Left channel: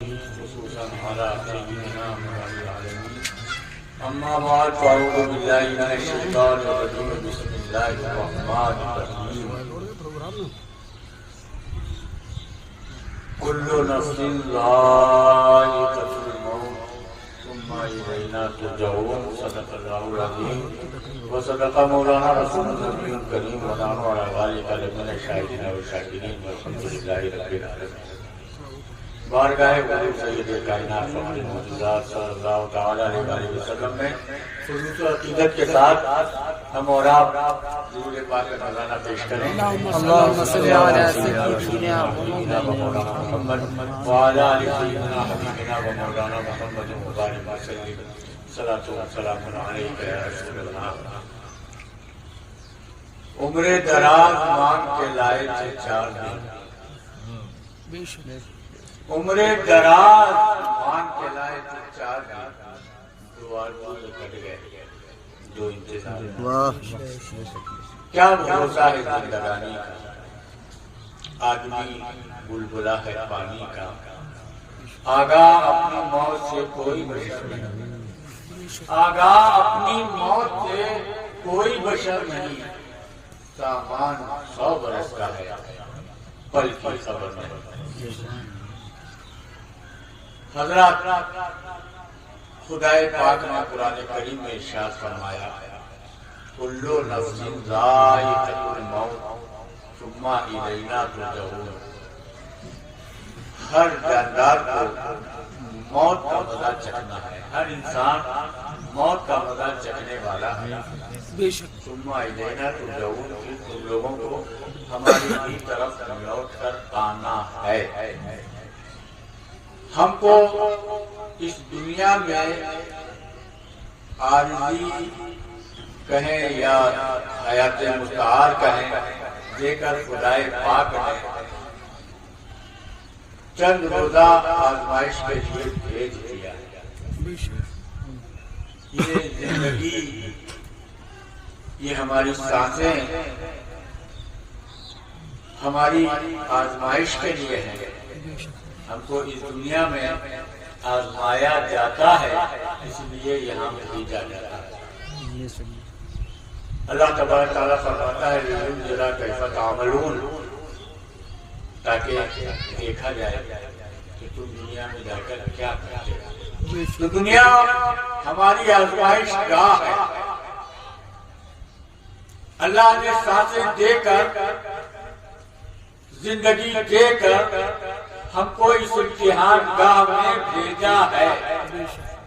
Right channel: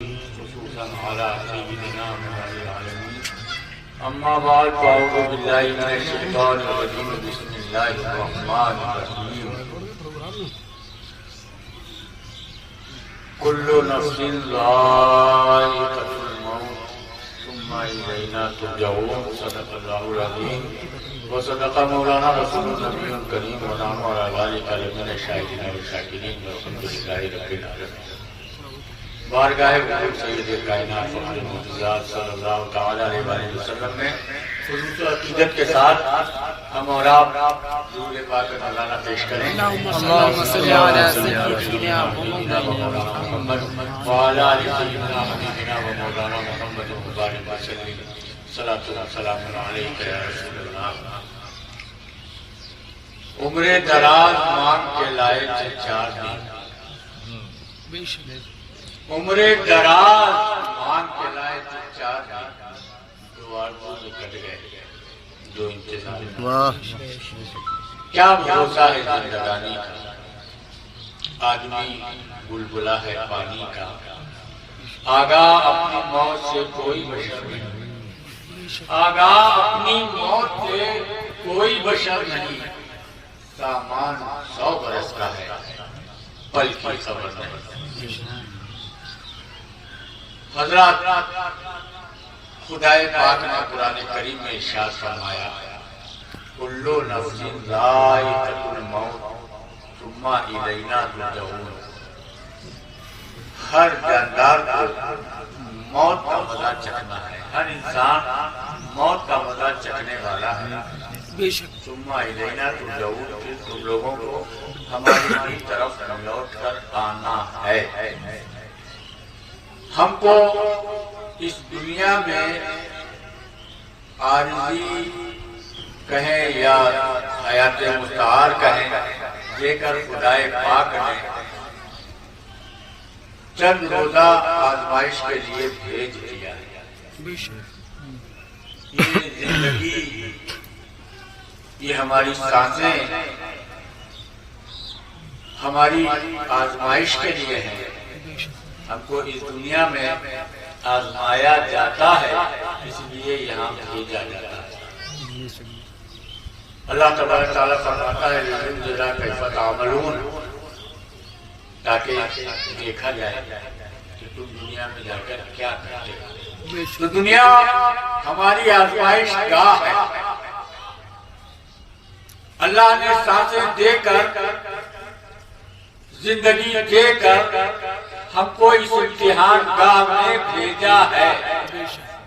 خصوصا على سيدنا محمد العالمين. أما بعد فأعوذ بالله من الشيطان الرجيم. بسم الله الرحمن الرحيم. كل نفس ذائقة الموت ثم إلينا ترجعون. صدق الله العظيم وصدق مولانا رسول النبي الكريم ونحن على ذلك لمن الشاهدين والشاكرين والحمد لله رب العالمين. بارگاہ حضور سید کائنات فخر المعجزات صلی اللہ تعالی علیہ وآلہ وسلم میں خلوص و عقیدت کے ساتھ ہم اور آپ درود پاک مولانا پیش کریں. اللہم صلی علی سیدنا محمد وعلی آل سیدنا حبیبنا و مولانا محمد مبارک وسلم. صلاۃ و سلام علیک یا رسول اللہ. عمر دراز مانگ کے لائے تھے 4 دن. عمر دراز مانگ کے لائے تھے 4 دن. 2 آرزو سے کٹ گئے 2 انتظار. کیا بھروسہ ہے زندگانی کا. آدمی بلبلا ہے پانی کا. آگاہ اپنی موت سے کوئی بشر نہیں. آگاہ اپنی موت سے کوئی بشر نہیں. سامان 100 برس کا ہے پل کی خبر نہیں. حضرات خدائے پاک نے قرآن کریم میں ارشاد فرمایا کلو نفس ذائقۃ الموت ثم الینا ترجعون. ہر جاندار کو موت کا مزہ چکھنا ہے. ہر انسان موت کا مزہ چکھنے والا ہے. ثم الینا ترجعون. پھر تم لوگوں کو ہماری طرف لوٹ کر آنا ہے. ہم کو اس دنیا میں عارضی کہیں یا حیات مستعار کہیں دے کر خدائے پاک نے چند روزہ آزمائش کے لیے بھیج دیا ہے. یہ زندگی، یہ ہماری سانسیں ہماری آزمائش کے لیے ہیں. ہم کو اس دنیا میں آزمایا جاتا ہے، اس لیے یہاں بھیجا جاتا ہے. اللہ تبارک تعالیٰ فرماتا ہے لِنُنذِرَ كَيْفَ تَعْمَلُونَ، تاکہ دیکھا جائے کہ تم دنیا میں جا کر کیا کرتے ہو. تو دنیا ہماری آزمائش گاہ ہے. اللہ نے سانسیں دے کر، زندگی دے کر ہم کو اس امتحان گاہ میں بھیجا ہے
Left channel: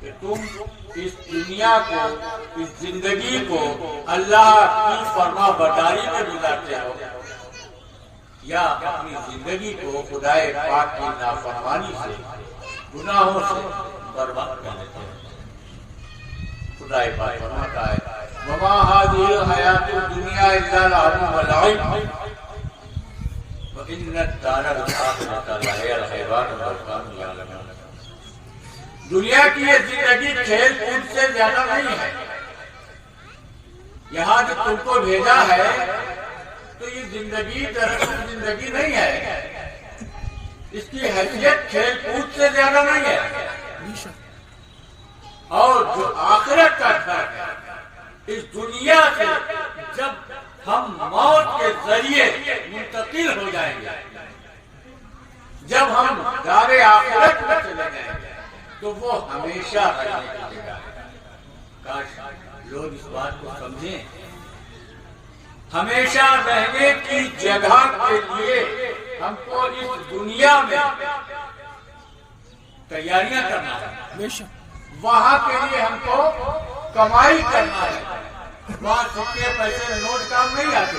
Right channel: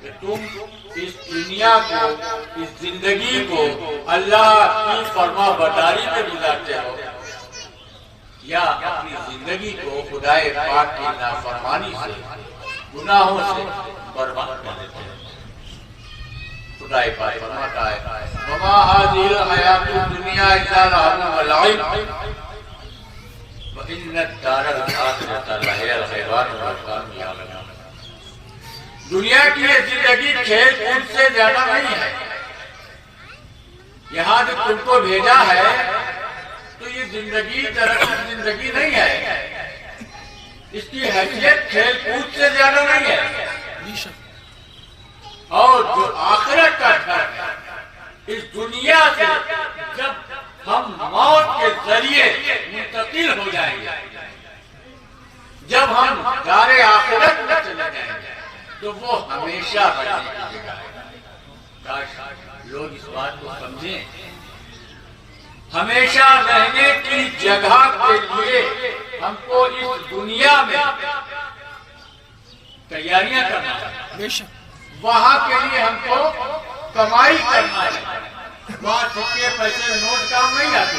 کہ تم اس دنیا کو، اس زندگی کو اللہ کی فرما برداری میں گزارتے ہو یا اپنی زندگی کو خدائے پاک کی نافرمانی سے، گناہوں سے برباد کر دیتے ہو. خدائے پاک فرماتا ہے وَمَا هَذِهِ الْحَيَاةُ الدُّنْيَا إِلَّا لَهْوٌ وَلَعِبٌ وَإِنَّ الدَّارَ الْآخِرَةَ لَهِيَ الْحَيَوَانُ لَوْ كَانُوا يَعْلَمُونَ. دنیا کی یہ زندگی کھیل کود سے زیادہ نہیں ہے. یہاں جو تم کو بھیجا ہے تو یہ زندگی دراصل زندگی نہیں ہے. اس کی حیثیت کھیل کود سے زیادہ نہیں ہے. اور جو آخرت کا گھر ہے، اس دنیا سے جب ہم موت کے ذریعے منتقل ہو جائیں گے، جب ہم دار آخرت میں چلے جائیں گے تو وہ ہمیشہ رہنے کی جگہ ہے. کاش لوگ اس بات کو سمجھیں. ہمیشہ رہنے کی جگہ کے لیے ہم کو اس دنیا میں تیاریاں کرنا ہے. وہاں کے لیے ہم کو کمائی کرنا ہے. وہاں سکے پیسے نوٹ کام نہیں آتے.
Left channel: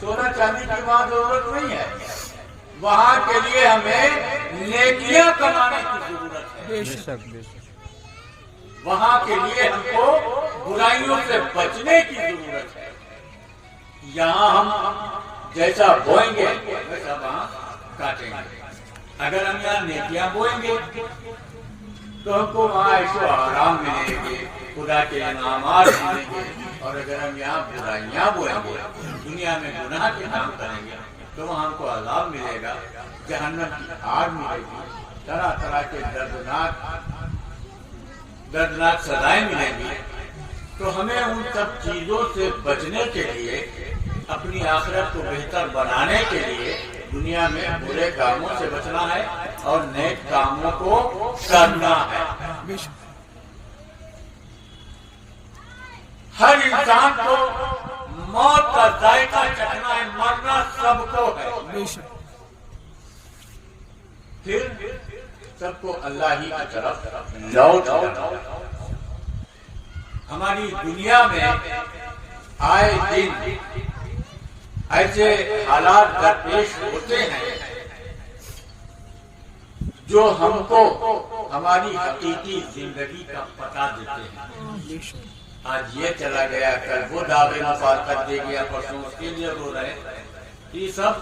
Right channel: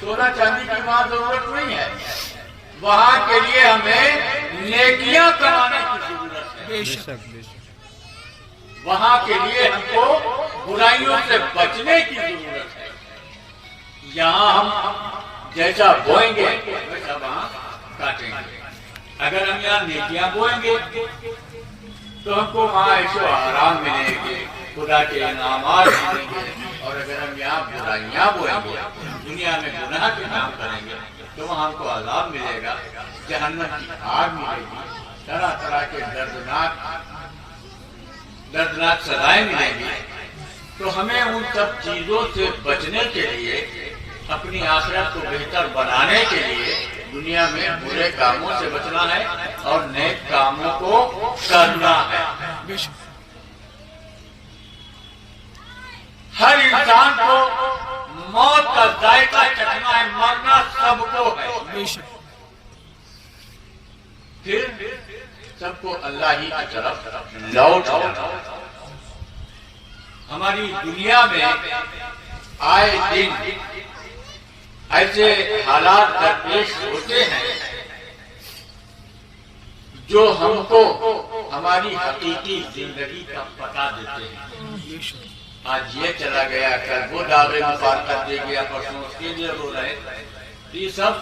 سونا چاندی کی وہاں ضرورت نہیں ہے. وہاں کے لیے ہمیں نیکیاں کمانے کی ضرورت ہے. وہاں کے لیے ہم کو برائیوں سے بچنے کی ضرورت ہے. یہاں ہم جیسا بوئیں گے ویسا وہاں کاٹیں گے. اگر ہم یہاں نیکیاں بوئیں گے تو ہم کو وہاں عیش و آرام ملے گے، خدا کے انعامات ملیں گے. اور اگر ہم یہاں برائیاں بوئیں گے، دنیا میں گناہ کے کام کریں گے تو وہاں ہم کو عذاب ملے گا، جہنم کی آگ ملے گی. طرح طرح کے دردناک سزائیں ملیں گی، تو ہمیں ان سب چیزوں سے بچنے کے لیے، اپنی آخرت کو بہتر بنانے کے لیے دنیا میں برے کاموں سے بچنا ہے اور نیک کاموں کو کرنا ہے۔ ہر انسان کو موت کا ذائقہ چکھنا ہے، مرنا سب کو ہے، پھر سب کو اللہ ہی کی طرف لوٹ جانا۔ ہماری دنیا میں آئے دن ایسے حالات درپیش ہوتے ہیں جو ہم کو ہماری حقیقی زندگی کا پتہ دیتے ہیں۔ آج یہ چلا گیا، کل وہ دعوے مفارقت دے گیا، پرسوں اس کے لیے رو رہے، یہ سب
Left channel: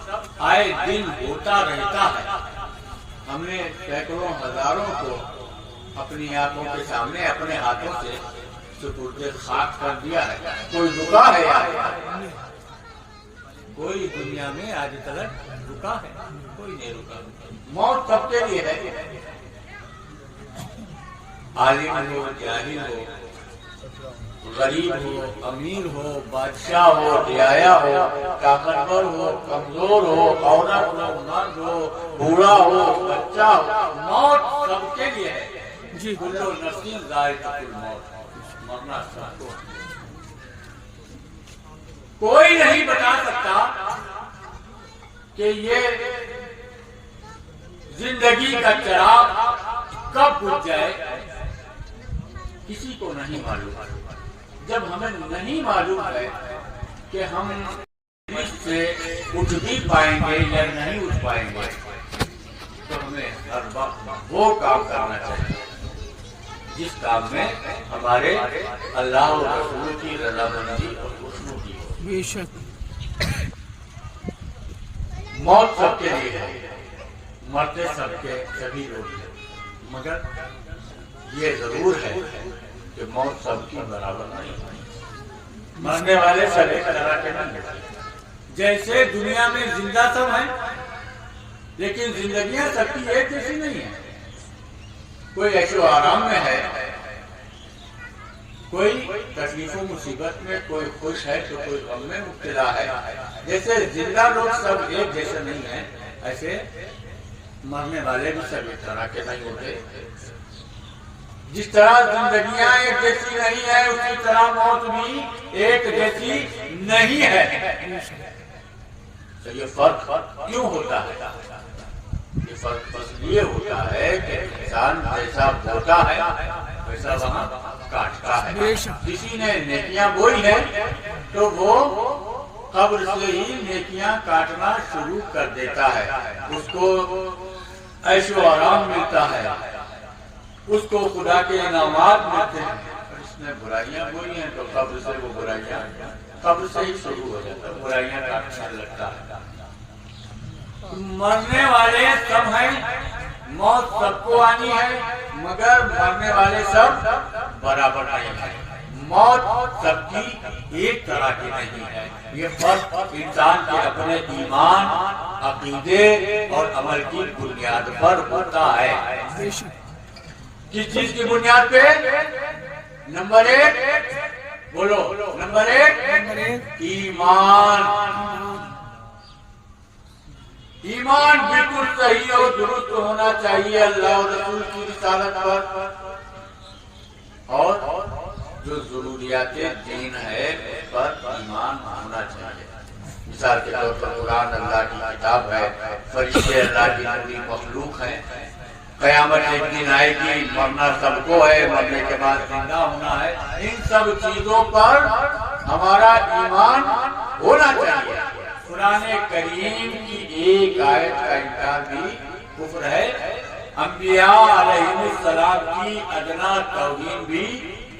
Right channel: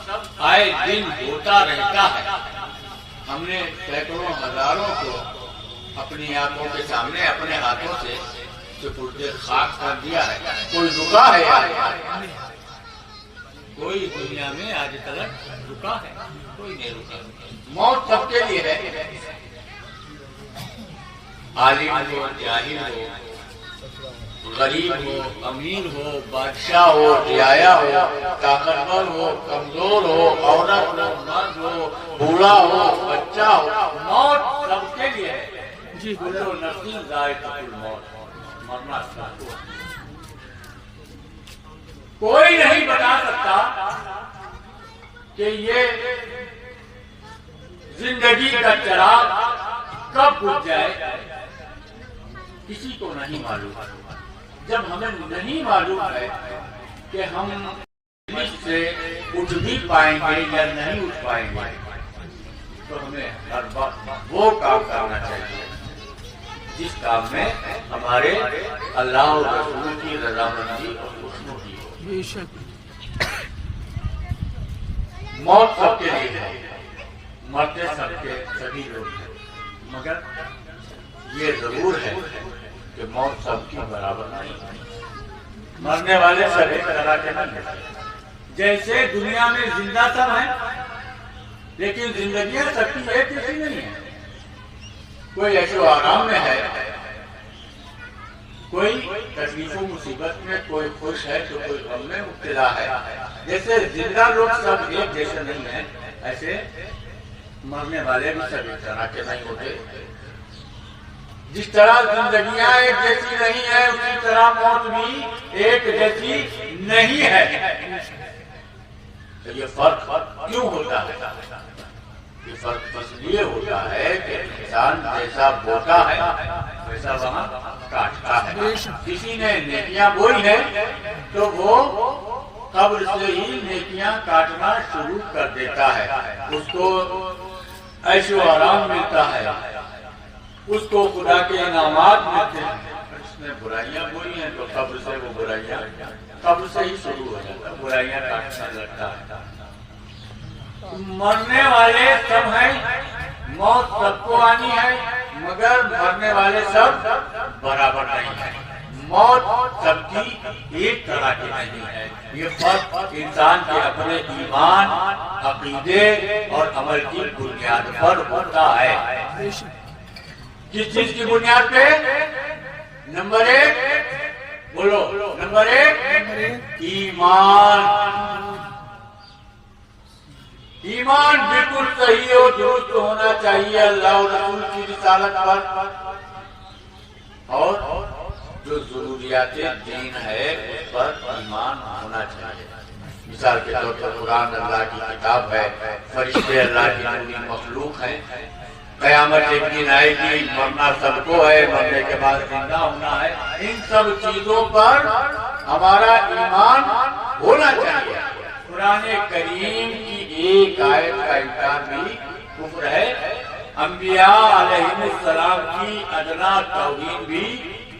آئے دن ہوتا رہتا ہے۔ ہم نے سینکڑوں ہزاروں کو اپنی آنکھوں کے سامنے اپنے ہاتھوں سے سپرد خاک کر دیا ہے۔ کوئی رکا ہے؟ کوئی دنیا میں آج تک رکا ہے؟ کوئی نہیں رکا۔ موت سب کے لیے ہے، عالم ہو، جاہل ہو، غریب ہو، امیر ہو، بادشاہ ہو، رعایا ہو، طاقتور ہو، کمزور ہو، عورت ہو، مرد ہو، بوڑھا ہو، بچہ ہو، موت سب کے لیے ہے۔ جی کل نفس ذائقۃ الموت، مرنا سب کو۔ کوئی نہیں بتا سکتا کہ یہ زندگی کا چراغ کب بجھ جائے، کسی کو نہیں معلوم۔ جب ہمیں نہیں معلوم ہے کہ ہم اس سے اٹھ بھی پائیں گے یا نہیں اٹھ پائیں گے، تو ہمیں ہر وقت وہ کام کرنا چاہیے جس کام میں ہمارے اللہ اور رسول کی رضامندی اور خوشنودی ہو۔ موت سب کے لیے ہے، مرتے سبھی لوگ ہیں، مگر یہ ضرور ہے کہ موت سب کی برابر نہیں ہے۔ مرنے والے سب ایک طرح کے نہیں ہیں۔ جیسے دنیا میں زندہ سب ہیں، لیکن زندگیاں سب کی ایک جیسی نہیں ہیں۔ کوئی عیش و آرام میں ہے، کوئی تکلیف و مصیبت میں، کوئی خوش ہے تو کوئی غم میں مبتلا ہے۔ جیسے زندہ لوگ سب ایک جیسے نہیں ہیں، ایسے مرنے والے بھی سب ایک طرح کے نہیں ہوتے۔ جس طرح زندگیاں ایک جیسی نہیں ہے، اسی طرح موت بھی ایک جیسی نہیں ہے۔ تو یہ فرق کیوں ہوتا ہے؟ یہ فرق بس یہ ہوتا ہے کہ انسان جیسا بوتا ہے ویسا وہاں کاٹتا ہے۔ کسی نے نیکیاں بوئی ہے تو وہ قبر سے ہی نیکیاں کاٹنا شروع کر دیتا ہے۔ اس کو عیش و آرام ملتا ہے، اس کو خدا کے انعامات ملتے ہیں۔ اس نے برائیاں بوئی ہیں تو قبر سے وہ برائیاں قبر سے ہی شروع ہو جاتا ہے، برائیاں کاٹنے لگتا ہے۔ مرنے والے سب ہیں، موت سب کو آنی ہے، مگر مرنے والے سب برابر نہیں ہیں۔ موت سب کی ایک طرح کی نہیں ہے۔ یہ فرق انسان کے اپنے ایمان، عقیدے اور عمل کی بنیاد پر ہوتا ہے۔ کس چیز کی بنیاد پہ؟ نمبر ایک بولو، نمبر ایک ایمان۔ ایمان بالکل صحیح اور درست ہونا چاہیے اللہ اور رسول کی رسالت پر، اور جو ضروریات دین ہے اس پر ایمان ہونا چاہیے۔ مثال کے طور پر قرآن اللہ کی کتاب ہے، فرشتے اللہ کی نوری مخلوق ہیں، قیامت ایک دن آئے گی، مرنا سب کو ہے، مرنے کے بعد زندہ ہونا ہے۔ ان سب چیزوں پر ہمارا ایمان ہونا چاہیے۔ قرآن کریم کی ایک آیت کا انکار بھی کفر ہے۔ انبیاء علیہ السلام کی ادنا توہین بھی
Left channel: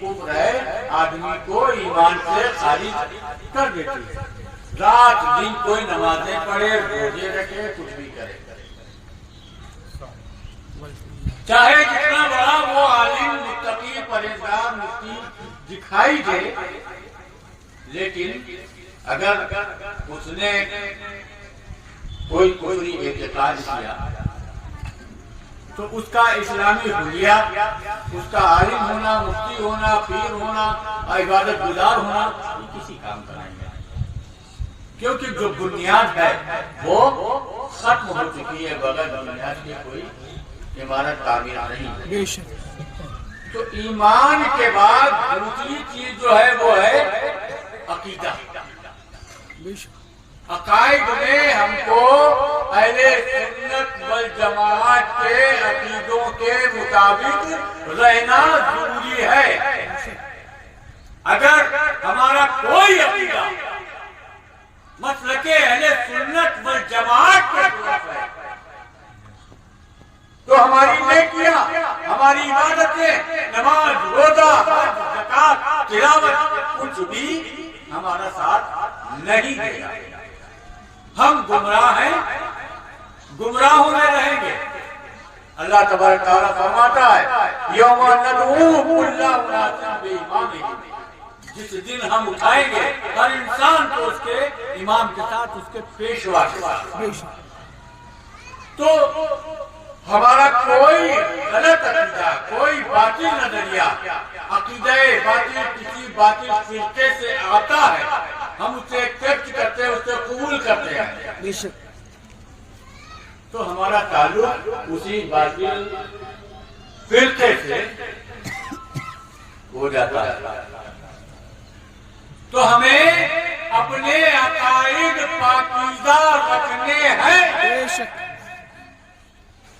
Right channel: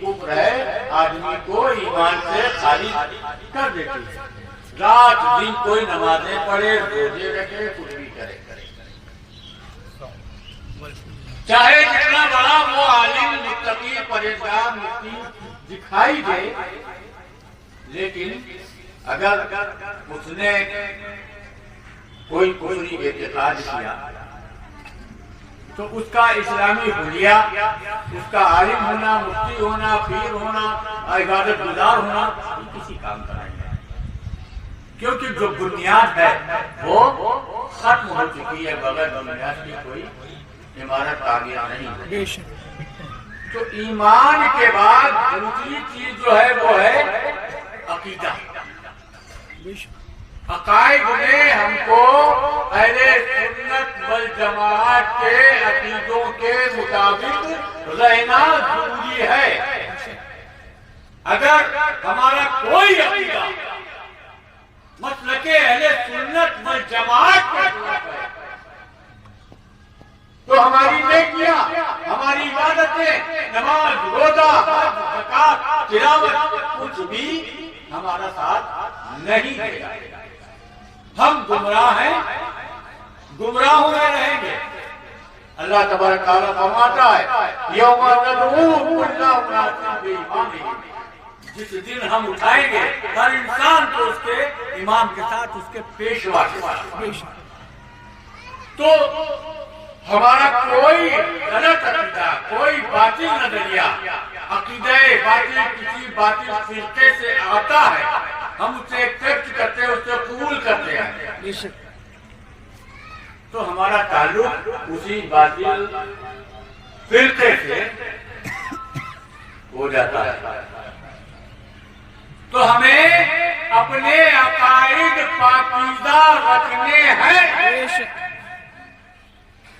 کفر ہے، آدمی کو ایمان سے خارج کر دیتی ہے۔ رات دن کوئی نمازیں پڑھے، روزے رکھے، کچھ بھی کرے، چاہے جتنا بڑا وہ عالم، متقی، پرہیزگار، مسکین دکھائی دے، لیکن اگر اس نے کوئی کفری اعتقاد کیا تو اس کا اسلامی حلیہ، اس کا عالم ہونا، مفتی ہونا، پیر ہونا، عبادت گزار ہونا کسی کام کا نہیں ہے، کیونکہ جو بنیاد ہے وہ ختم ہو چکی ہے، بغیر بنیاد کی کوئی عمارت تعمیر نہیں ہوتی۔ تو ایمان کے بعد دوسری چیز جو ہے وہ ہے عقیدہ۔ عقائد میں ہم کو اہل سنت والجماعت کے عقیدوں کے مطابق رہنا ضروری ہے۔ اگر ہمارا کوئی عقیدہ مسلک اہل سنت والجماعت کے خلاف ہے تو ہماری نیکیاں، ہماری عبادتیں، نماز، روزہ، زکات، تلاوت کچھ بھی ہمارا ساتھ نہیں دے گا۔ ہم گمراہ ہیں، گمراہوں میں رہیں گے۔ اللہ تبارک تعالیٰ فرماتا ہے یوم ندعو کل اناس بامامہم، جس دن ہم اٹھائیں گے ہر انسان کو اس کے امام کے ساتھ، اس کے پیشوا کے ساتھ۔ تو ہمارا کوئی غلط عقیدہ، کوئی باطل نظریہ، عقیدہ باطل کسی باطل فرقے سے آتا ہے، ہم اسے ایکسپٹ کرتے ہیں، اسے قبول کرتے ہیں، تو ہمارا تعلق اسی باطل فرقے سے ہو جاتا ہے۔ تو ہمیں اپنے عقائد پاکیزہ رکھنے ہیں۔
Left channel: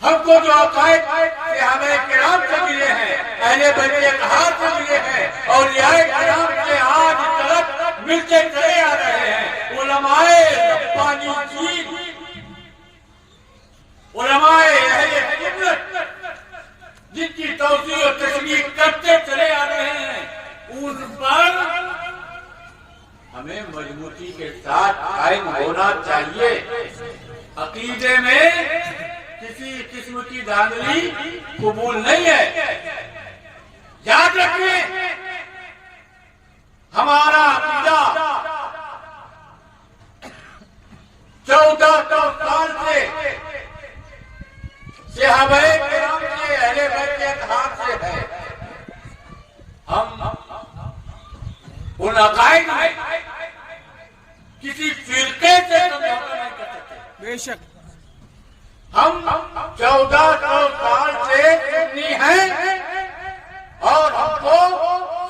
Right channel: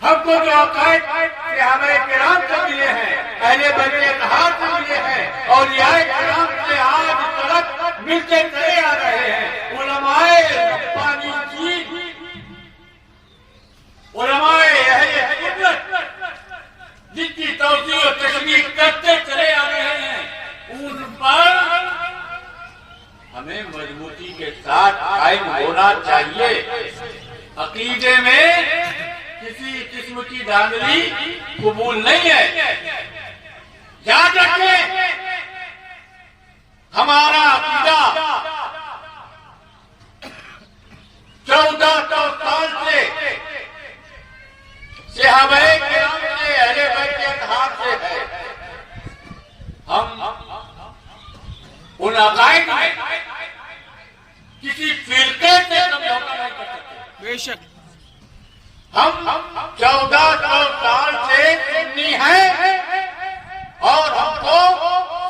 ہم کو جو عقائد صحابہ کرام سے ملے ہیں، اہل بیت اطہار سے ملے ہیں، اولیاء کرام سے آج تک ملتے چلے آ رہے ہیں، علماء ربانی جین، علماء اہل سنت جن کی توضیح و تشریح کرتے چلے آ رہے ہیں، ان پر ہمیں مضبوطی کے ساتھ قائم ہونا چاہیے۔ عقیدے میں کسی قسم کی دھاندلی قبول نہیں ہے۔ یاد رکھیں ہمارا عقیدہ 1400 سال سے صحابہ کرام سے، اہل بیت اطہار سے ہے۔ ہم ان عقائد میں کسی فرقے سے سمجھوتا نہیں کر سکتے۔ بے شک ہم 1400 سال سے سنی ہیں اور ہم کو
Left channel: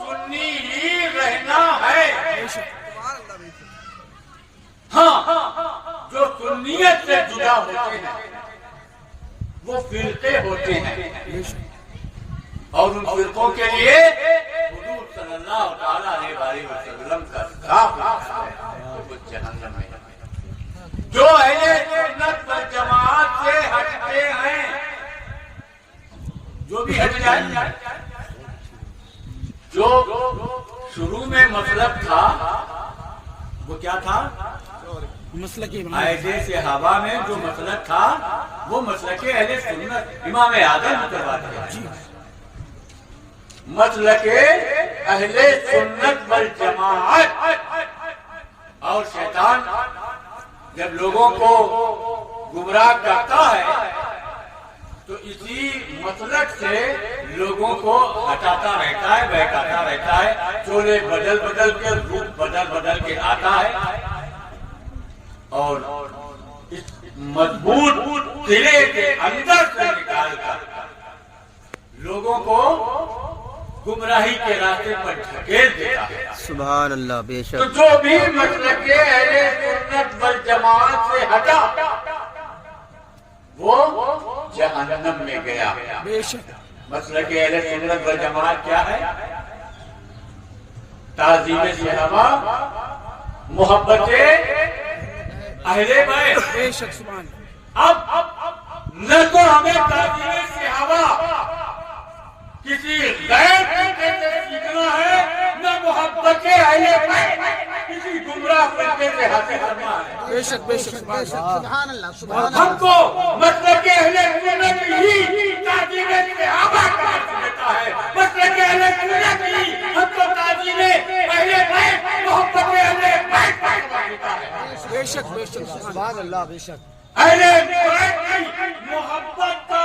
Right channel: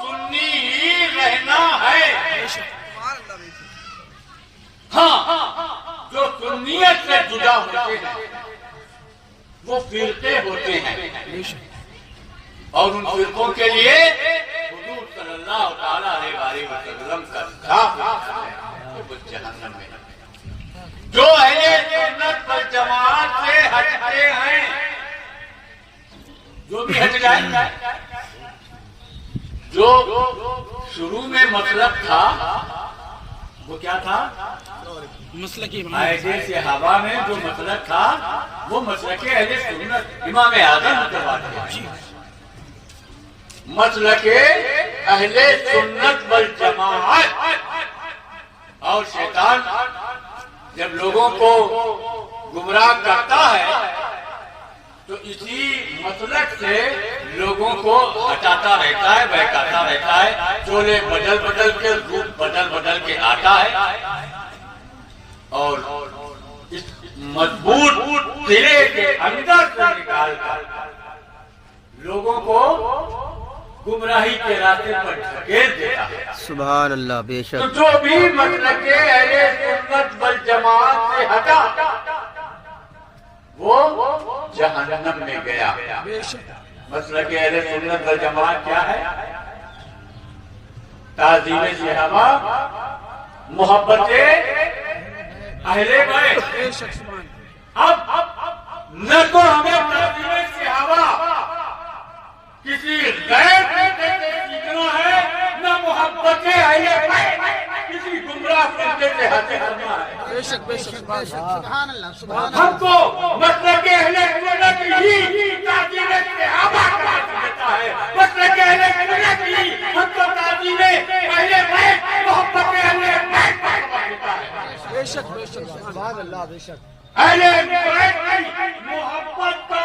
سنی ہی رہنا ہے۔ ہاں، جو سنیت سے جدا ہوتے ہیں وہ فرقے ہوتے ہیں، اور ان فرقوں کے لیے حضور صلی اللہ تعالیٰ علیہ وسلم کا خطاب ہے کہ وہ جہنم میں۔ جو اہل سنت والجماعت سے ہٹتے ہیں، جو بھی ہٹ جائیں، جو شروع میں مطلب تھا وہ کیا تھا؟ مسلک صحابہ میں جو مسلک تھا وہ مسلک اہل سنت، امام اعظم کے بات ہے، مسلک اہل سنت والجماعت۔ اور شیطان جب لوگوں کو گمراہ کرتا ہے تو اسی مسلک سے لوگوں کو ہٹاتا رہتا ہے، بہکاتا رہتا ہے، چولے بدل بدل کے، روپ بدل بدل کے آتا ہے، اور اس مضبوط قلعے کے اندر سے نکال کر لوگوں کو گمراہی کے راستے پر دھکیل دیتا ہے۔ سبحان اللہ، بے شک۔ تو جو بھی مسلک اہل سنت والجماعت سے ہٹا وہ جہنم میں گیا۔ مسلک اہل سنت والجماعت کیا ہے؟ تعظیم صحابہ، محبت اہل بیت۔ اب نہ تو ہمیں تعظیم صحابہ کسی غیر فرقے سے سیکھنا ہے، نہ محبت اہل بیت کسی گمراہ فرقے سے حاصل کرنا ہے۔ بے شک بے شک بے شک، سبحان اللہ سبحان اللہ۔ ہم کو مسلک اہل سنت ہی تعظیم صحابہ کا حق دیتا ہے، مسلک اہل سنت ہی ہم کو تعظیم اہل بیت، محبت اہل بیت کا حق دیتا ہے۔ بے شک بے شک، سبحان اللہ، بے شک۔ اہل بیت کی محبت کا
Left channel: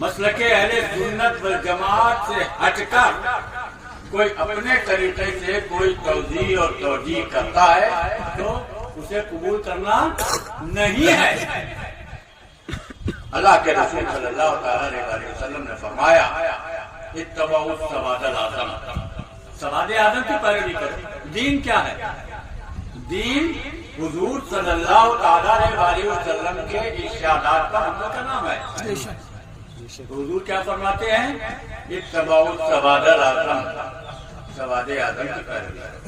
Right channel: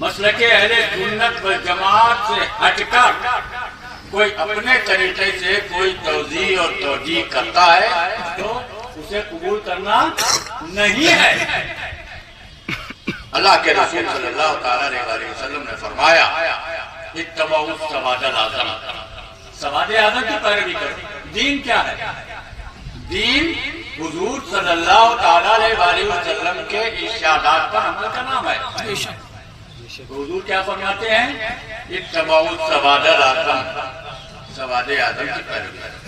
مسلک اہل سنت والجماعت سے ہٹ کر کوئی اپنے طریقے سے کوئی توضیح اور توجیہ کرتا ہے تو اسے قبول کرنا نہیں ہے۔ اللہ کے رسول صلی اللہ تعالیٰ علیہ وسلم نے فرمایا اتبعوا السواد الاعظم، سواد اعظم کی پیروی کرو۔ دین کیا ہے؟ دین حضور صلی اللہ تعالیٰ علیہ وسلم کے ارشادات پر عمل کا نام ہے۔ حضور کیا فرماتے ہیں؟ اتبعوا السواد الاعظم، سواد اعظم کی پیروی کرو۔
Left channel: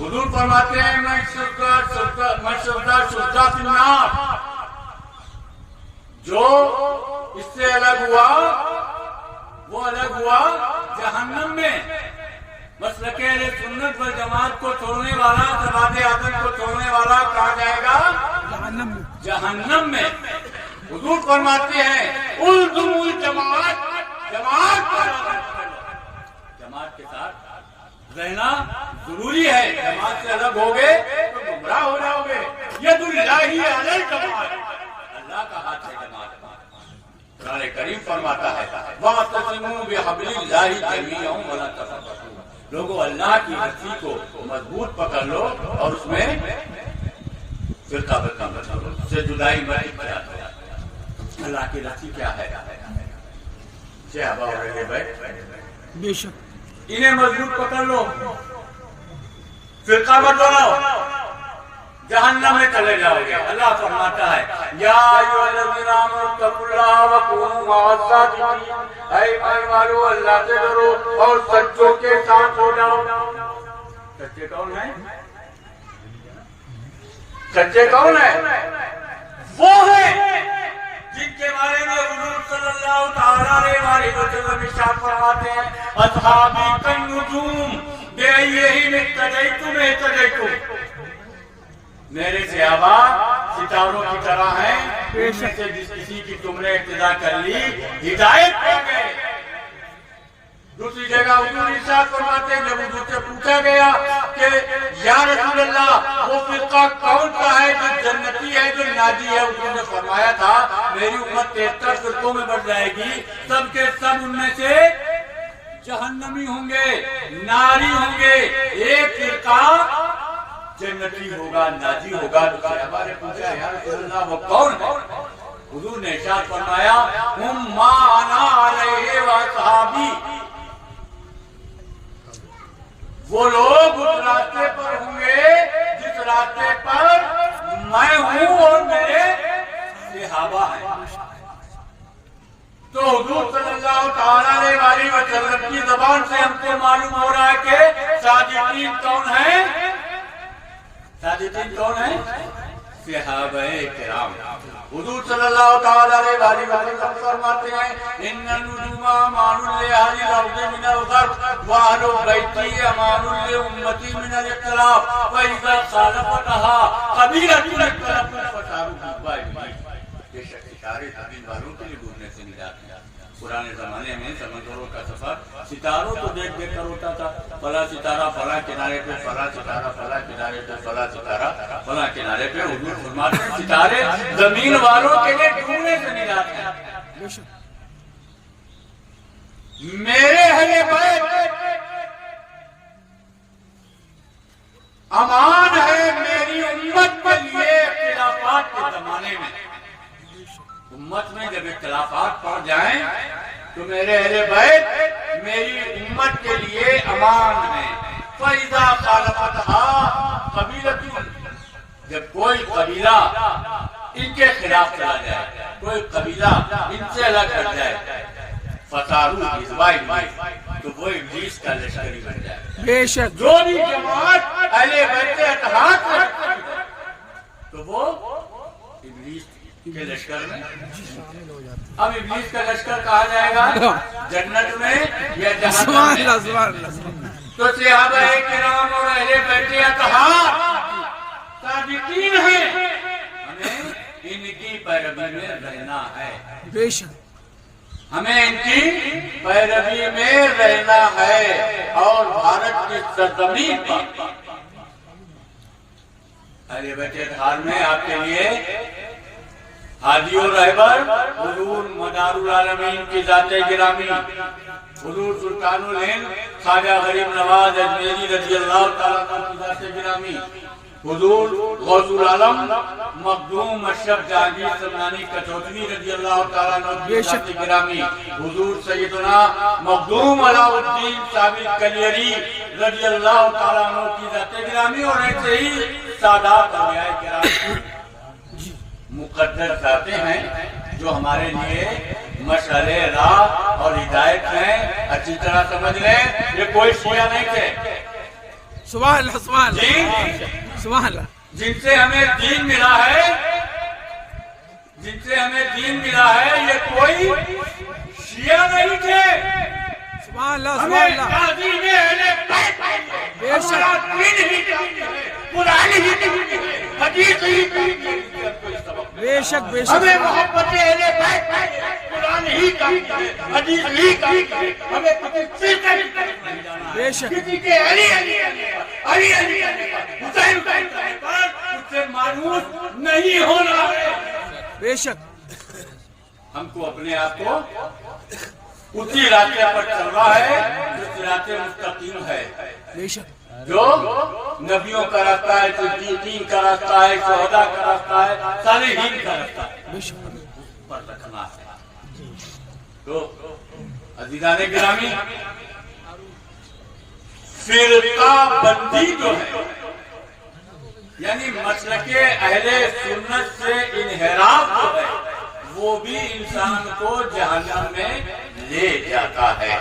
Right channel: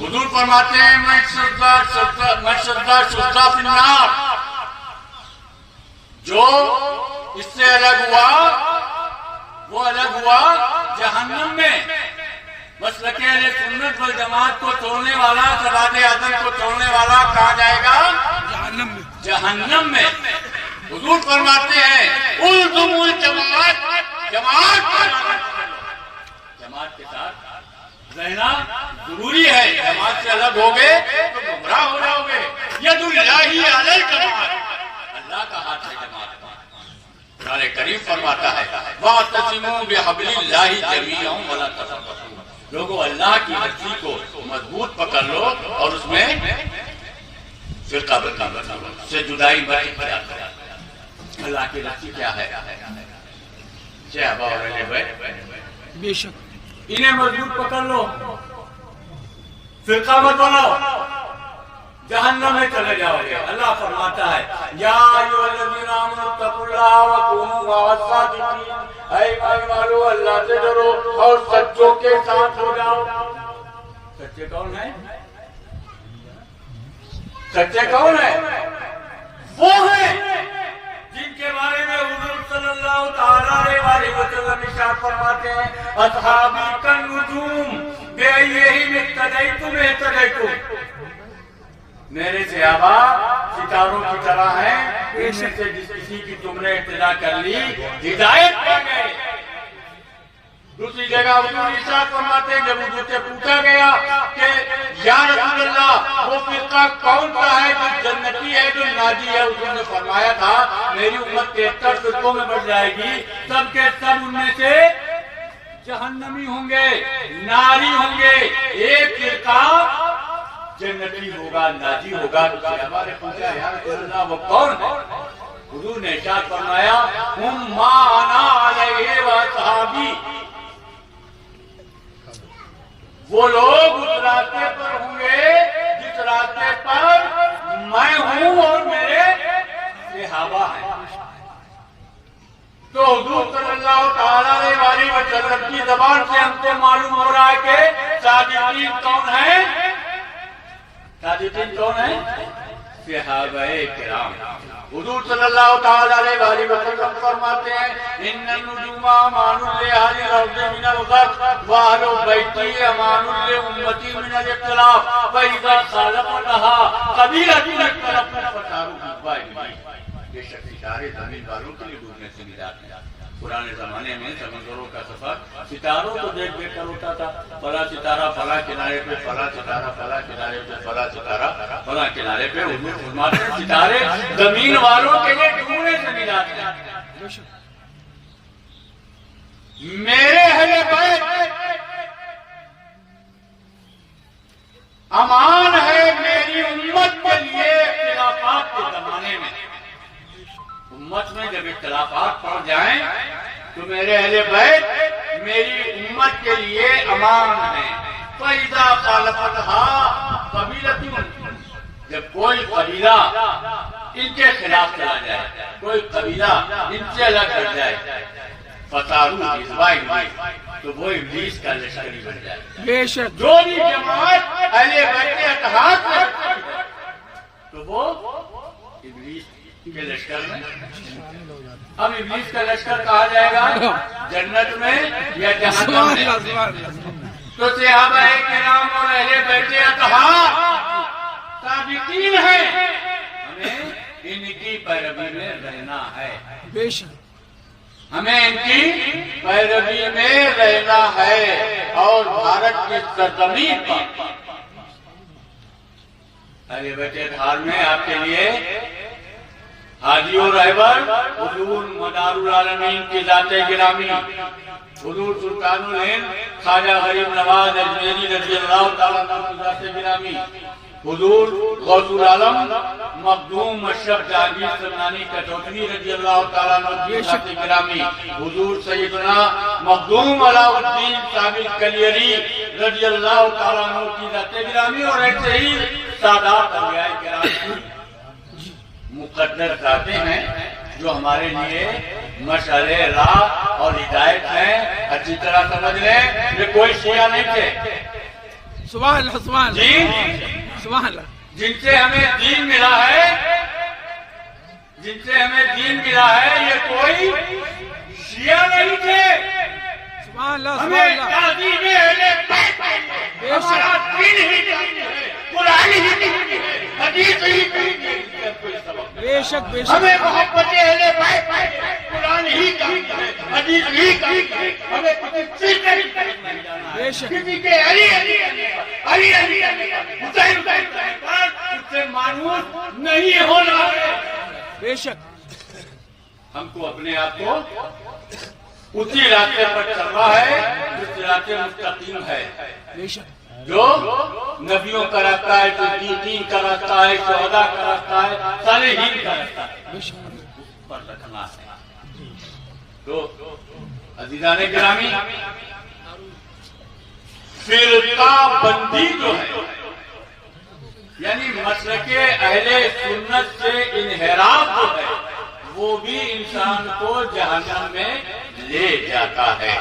حضور فرماتے ہیں من شدہ فی النار، جو اس سے الگ ہوا وہ الگ ہوا جہنم میں۔ مسلک اہل سنت والجماعت کو توڑنے والا، سواد اعظم کو توڑنے والا کہا جائے گا جہنم میں۔ جہنم میں۔ حضور فرماتے ہیں الزموا الجماعت، جماعت کے ساتھ رہنا ضروری ہے۔ جماعت سے الگ ہوگے تو گمراہ ہو جاؤ گے۔ ید اللہ علی الجماعت، اللہ کا ہاتھ ہے جماعت کا۔ قرآن کریم فرماتا ہے وَاعْتَصِمُوا بِحَبْلِ اللَّهِ جَمِيعًا وَلَا تَفَرَّقُوا، لوگوں اللہ کی رسی کو مضبوط پکڑ لو اور اس میں فرقہ برقہ مت کرو، سے جدائی مت اختیار کرو۔ اللہ کی رسی کیا ہے؟ صحابہ اور اہل بیت، بے شک انہیں مضبوط پکڑ لو، فرقہ مت بناؤ، جہنم میں چلے جاؤ گے۔ اللہ فرماتا ہے یا ایھا الذین آمنوا اتقوا اللہ وکونوا مع الصادقین، اے ایمان والو اللہ سے ڈرو اور سچوں کے ساتھ ہو جاؤ۔ سچے کون ہیں؟ سچے کون ہیں؟ وہ ہیں جن کے بارے میں حضور صلی اللہ تعالیٰ علیہ وسلم ارشاد فرماتے ہیں اصحابی کالنجوم بأیہم اقتدیتم اہتدیتم، میرے صحابہ ستاروں کی طرح ہیں، ان میں سے جس کسی کی تم نے اقتدا کر لی ہدایت پا گئے۔ دوسری جگہ حضور ارشاد فرماتے ہیں جب حضور سے پوچھا گیا کہ یا رسول اللہ وہ فرقہ کون سا ہے جو جنتی ہے جو ناجی ہے، حضور نے فرمایا تھا میری امت 73 فرقوں میں بٹ جائے گی، سب کے سب ان میں سے جہنمی ہوں گے، ناری ہوں گے، ایک فرقہ جنتی ہوگا، ناجی ہوگا۔ تو صحابہ نے پوچھا یا رسول اللہ وہ کون ہے؟ حضور نے ارشاد فرمایا ہم ما انا علیہ واصحابی، وہ لوگ اس راستے پر ہوں گے جس راستے پر میں ہوں اور میرے صحابہ ہیں۔ تو حضور صلی اللہ تعالیٰ علیہ وسلم کی زبان سے ہم کو معلوم ہو رہا ہے کہ صادقین کون ہیں؟ صادقین کون ہیں؟ صحابہ کرام۔ حضور صلی اللہ تعالیٰ علیہ وسلم فرماتے ہیں ان النجوم امان لأہل الارض من الغرب واہل بیتی امان لامتی من الاختلاف فاذا خالفتها قبیلۃ اختلفوا فصاروا غائبین۔ بے شک ستارے زمین والوں کے لیے ڈوبنے سے نجات ہے۔ پرانے زمانے میں سمندروں کا سفر ستاروں کو دیکھ دیکھ کر ہوتا تھا، فلاں ستارہ فلاں کنارے پہ، فلاں ستارہ فلاں کنارے پہ، فلاں ستارہ فلاں کنارے پہ۔ حضور فرماتے ہیں ستارے زمین والوں کے لیے ڈوبنے سے نجات ہے۔ میرے اہل بیت امان ہے میری امت کے لیے اختلافات کے زمانے میں۔ امت میں جب اختلافات پڑ جائیں تو میرے اہل بیت میری امت کے لیے امان ہے۔ فَإِذَا خَالَفَتْهَا قَبِيلَةٌ، جب کوئی قبیلہ ان کے خلاف چلا جائے، کوئی قبیلہ ان سے الگ ہٹ جائے، فَصَارُوا حِزْبَ إِبْلِيسَ، تو وہ ابلیس کا لشکری بن جائے۔ بے شک جو بھی جماعت اہل بیت کے اتحاد میں تو وہ ابلیس کے لشکر میں۔ اب ابلیس کا لشکر کہا جائے گا جنت میں یا جہنم میں؟ تو صحابہ کرام اور اہل بیت اتحاد صادقین ہیں، ہمیں ان کی پیروی میں رہنا ہے۔ بے شک ہمیں ان کی پیروی میں رہنا ہے اور بھارت کی سرزمین پر اہل بیت اتحاد میں آپ کے لیے حاجی و رہبر حضور مدار العالمین کی ذات گرامی حضور سلطان الہند خواجہ غریب نواز اجمیری رضی اللہ تعالیٰ عنہ کی ذات گرامی حضور غوث العالم مخدوم اشرف جہانگیر سمنانی کچوتوی رضی اللہ تعالیٰ عنہ کی ذات گرامی حضور سیدنا مخدوم علاء الدین صاحب کلیری رضی اللہ تعالیٰ عنہ کی ذات گرامی اور ایسے ہی سادات اولیاء کرام مقدس ذاتیں ہیں جو ہمارے لیے مشعل راہ اور ہدایت ہیں. اچھی طرح سمجھ لیں یہ کوئی شیعہ نہیں تھے سبحان اللہ سبحان اللہ جی سبحان اللہ جن سے ہمیں دین ملا ہے یہ کوئی شیعہ نہیں تھے. سبحان اللہ ہمیں تعظیم اہل بیت ہمارا دین ہی چاہیے ہے قرآن ہی چاہیے ہے حدیث ہی چاہیے بے شک بے شک ہمیں محبت اہل بیت قرآن ہی چاہیے ہے حدیث ہی چاہیے ہمیں کسی کا نہیں جانا ہے بے شک کسی کے علی حسین پر اس سے مانوس نہیں ہونا ہے. بے شک ہم کو اپنے آپ کو اسی راستے پر چل رہا ہے جو صراط مستقیم ہے بے شک جو نبیوں کا راستہ ہے صدیقین کا راستہ ہے شہداء کا راستہ ہے صالحین کا راستہ ہے بے شک اس پر رکھنا ہے. تو عزیزان گرامی فرقہ بندی جو ہے یعنی مسلک اہل سنت سے انحراف جو ہے وہ بھی انسان کو جہنم میں لے جاتا ہے.